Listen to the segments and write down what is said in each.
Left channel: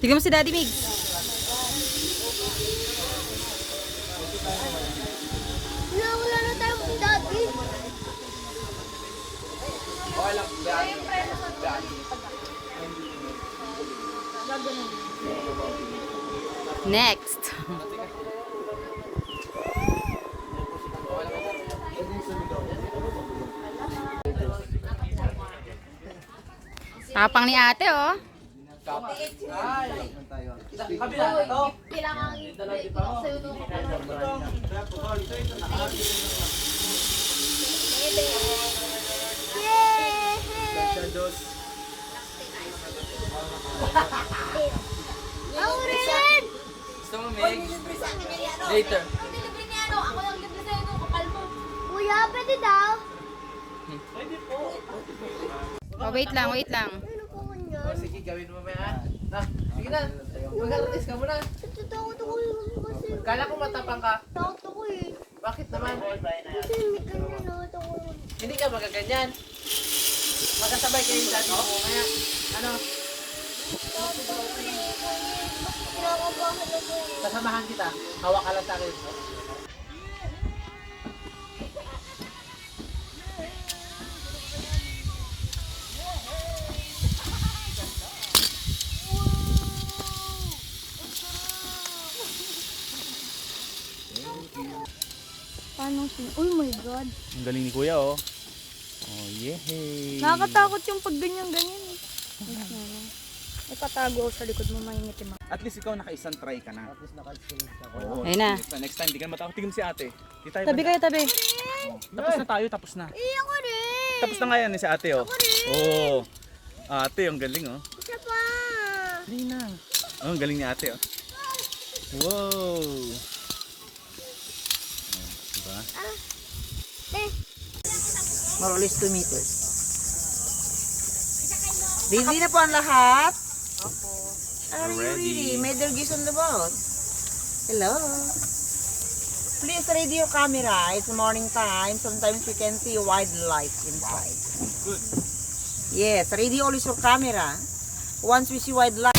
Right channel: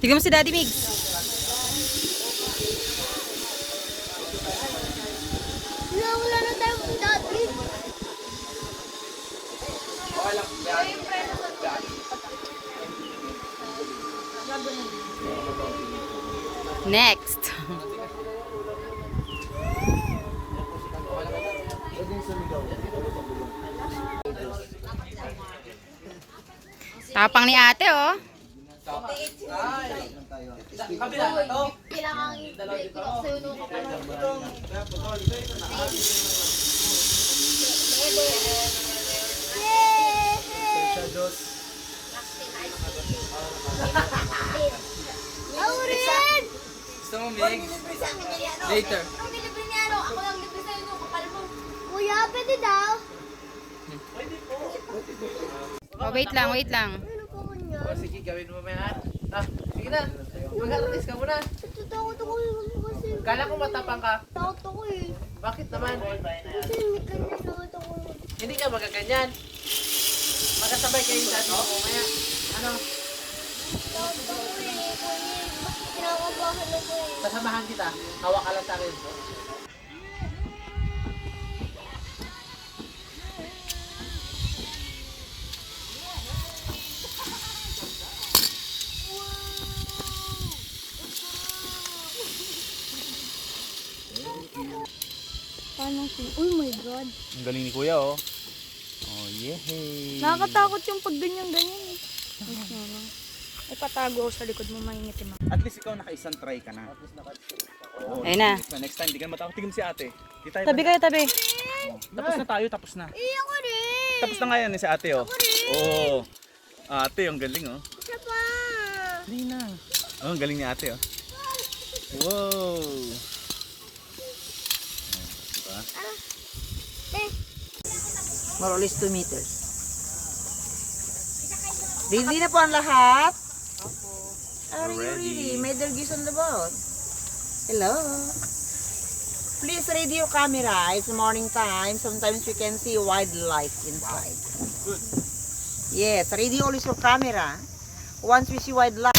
Tignan mo si Daddy Migs. Wala na tayo si Daddy. Next. Tapang ni ate, oh. Kailangan i-block sa'yo nung kapatid. Aurin! Gusto mo, Meg? Later. Ako lang libre sa'yo nung kapal mo. Kuya, pwede daw. Oh, wait lang, wait lang. Sige, gawin mo ba yan? Sige na. Mag-alatis ka muna. Takot ako eh. Kala ko matapang ka. Takot ako eh. Bakit naman? Kasi may takot ako. Hindi ka magaganyan. Magkasabay kayo sa ano? Kaya, ano? Sasamahan kita. Hawak ka lang sa akin. Paano si... Oh my God. Ang galing ni Kuya, oh. Oh, yehey. Nakakatakot yung pag ganyan-ganyan eh. Ay, patago ako sa likod mo, maingitim ako. At least ikaw naka-isang try ka na. Oo, Ayun na. next time, di ka matakot. Tignan mo si ate. Di tayo Tabi kayo, tabi. Tapos na tayo, tapos na. Eh, ako rin. Tapos na nga yan si ate, oh. Oo. Ate, ang galing, oh. Isa pa. Dali na. Oh, ang galing ni ate, oh. Wow. Diba? More or less 2 meters. Ready na po ang lahat? Opo. Are you ready? May dergis on the boat. Hello. Please ready your camera. It's morning time. Sometimes you can see wildlife inside. Good. Yes, ready always your camera. Once we see wildlife.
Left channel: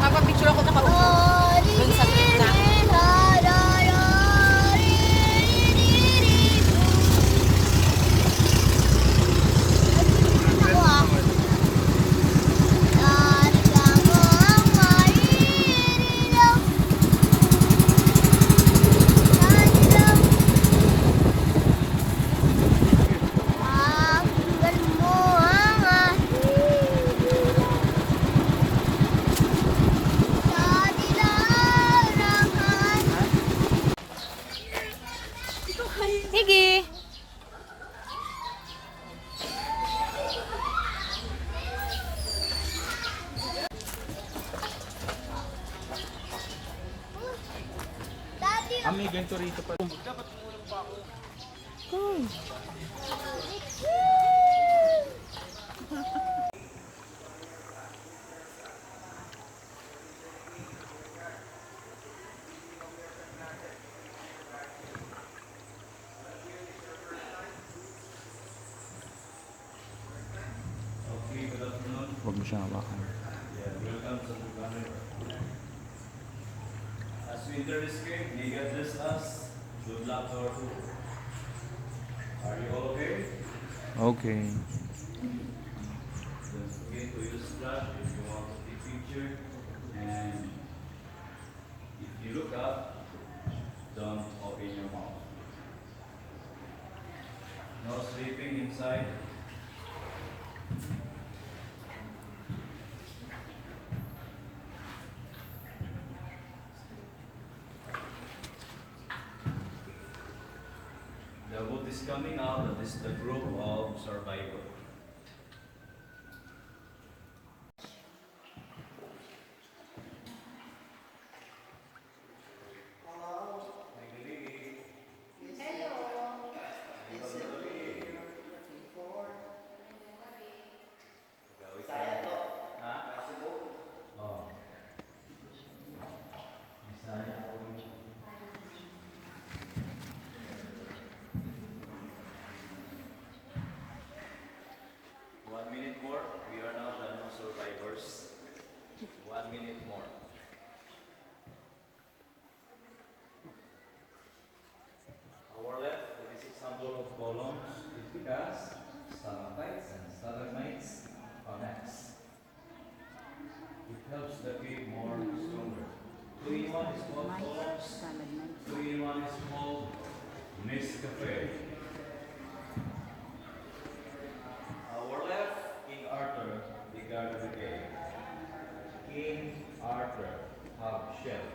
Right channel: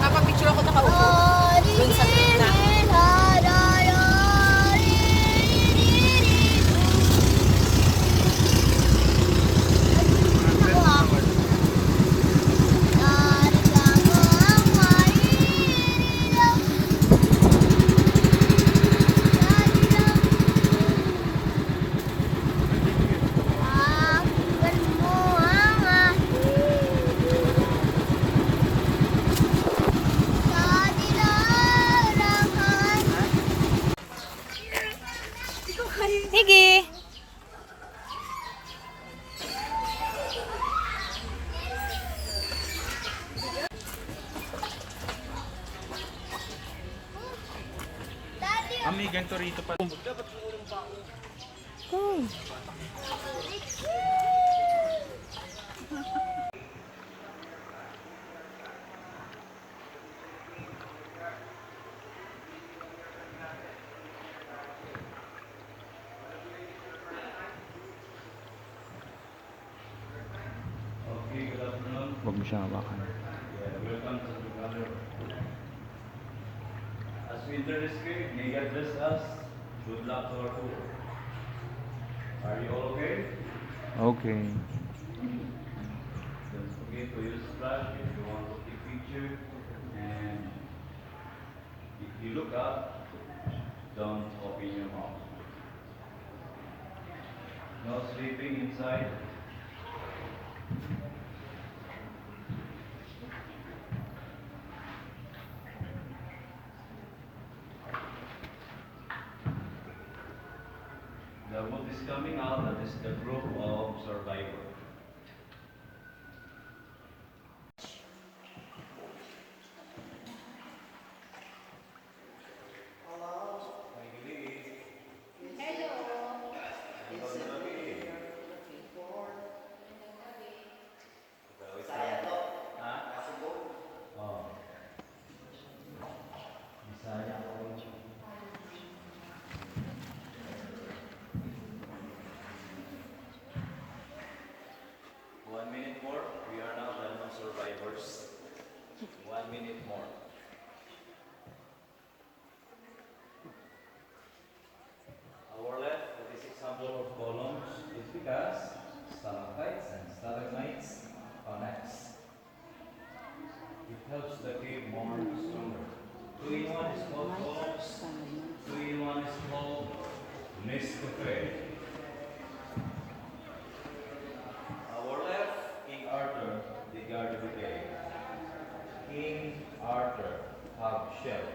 Papapicture ako nakaupo. Dun sa gitna. Higi. May ganito rito pa. Oh. Huwag mo siya hawakan. As we enter this gate, may God bless us. Good luck to our tour. Are you all okay? Okay. Don't forget to use flash if you want to take picture. And if you look up, don't open your mouth. No sleeping inside. The boat is coming out. That is the group of survivors. it more. Our left, this example of columns is because stalactites and stalagmites connects. It helps the cave more stronger. 2-in-1 is called columns. 2-in-1 is called Nescafe. Our left, King Arthur, the guard of the cave. King Arthur, hub shell.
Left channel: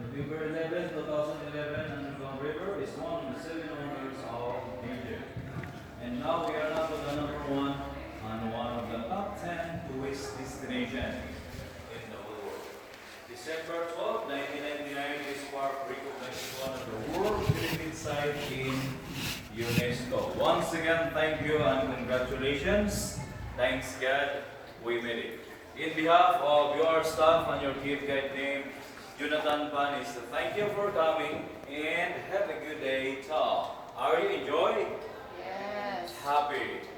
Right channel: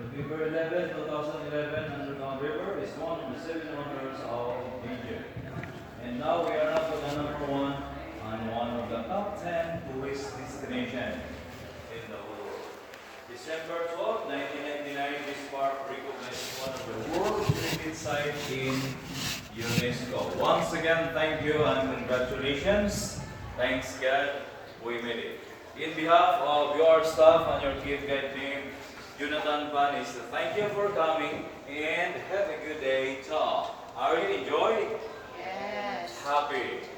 November 11, 2011, Underground River is one of the 7 wonders of Egypt. And now we are up to the number 1 and one of the top 10 tourist destinations in the whole world. December 12, 1999, this park recognized one of the world heritage sites in UNESCO. Once again, thank you and congratulations. Thanks God, we made it. In behalf of your staff and your kid guide team, Jonathan Pan is to thank you for coming and have a good day, Tom. Are you enjoying? Yes. Happy.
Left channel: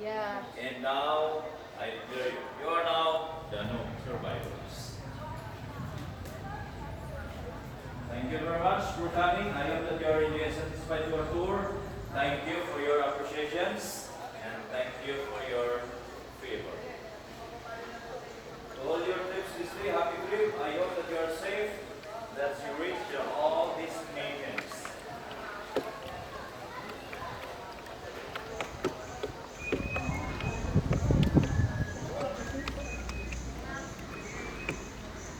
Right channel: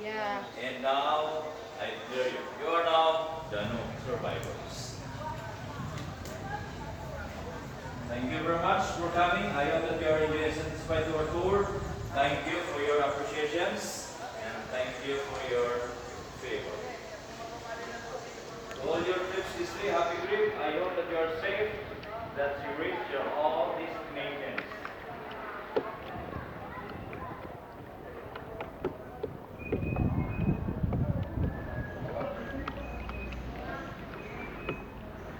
Yeah. And now, I tell you, you are now the new survivors. Thank you very much for coming. I hope that you are really satisfied with our tour. Thank you for your appreciations and thank you for your favor. To all your trips this way, happy trip. I hope that you are safe, that you reach your all destinations.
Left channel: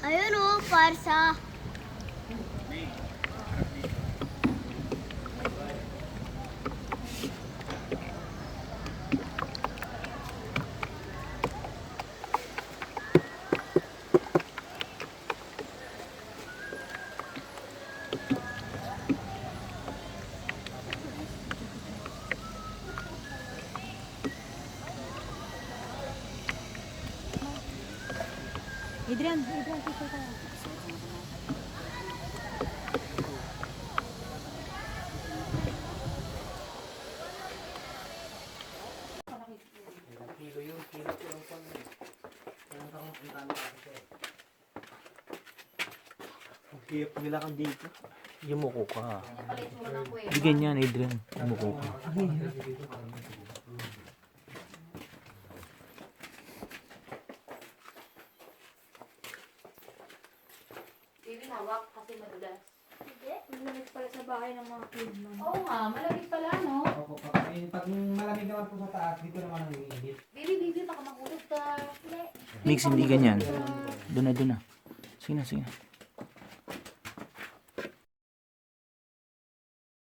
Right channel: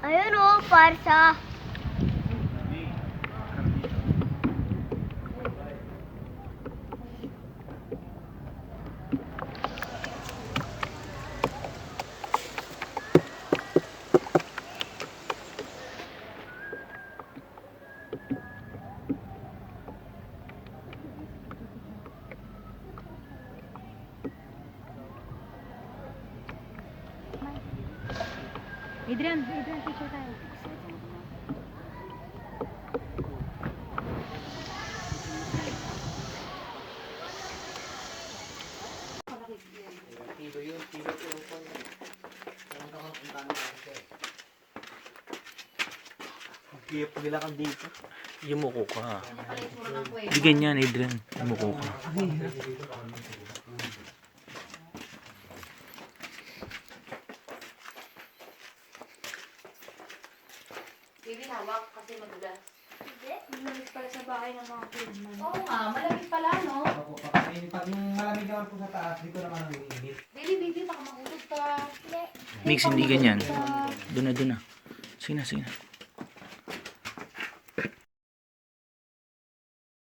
Ayun o, parsa. Adrian, picture tayo. Yumuko ka. Hindi ganyan, Adrian. Yumuko ka. Bibi, hawak kasi madulas. Hindi, malamig pala sa bahay ng mga klubman. Oo nga, malamig pala, no? Opo, pag malamig naman po sa taas, dito naman ang iinit. Bibi, baka makulog ka. Mix, hindi ganyan. Doon na. Sige na.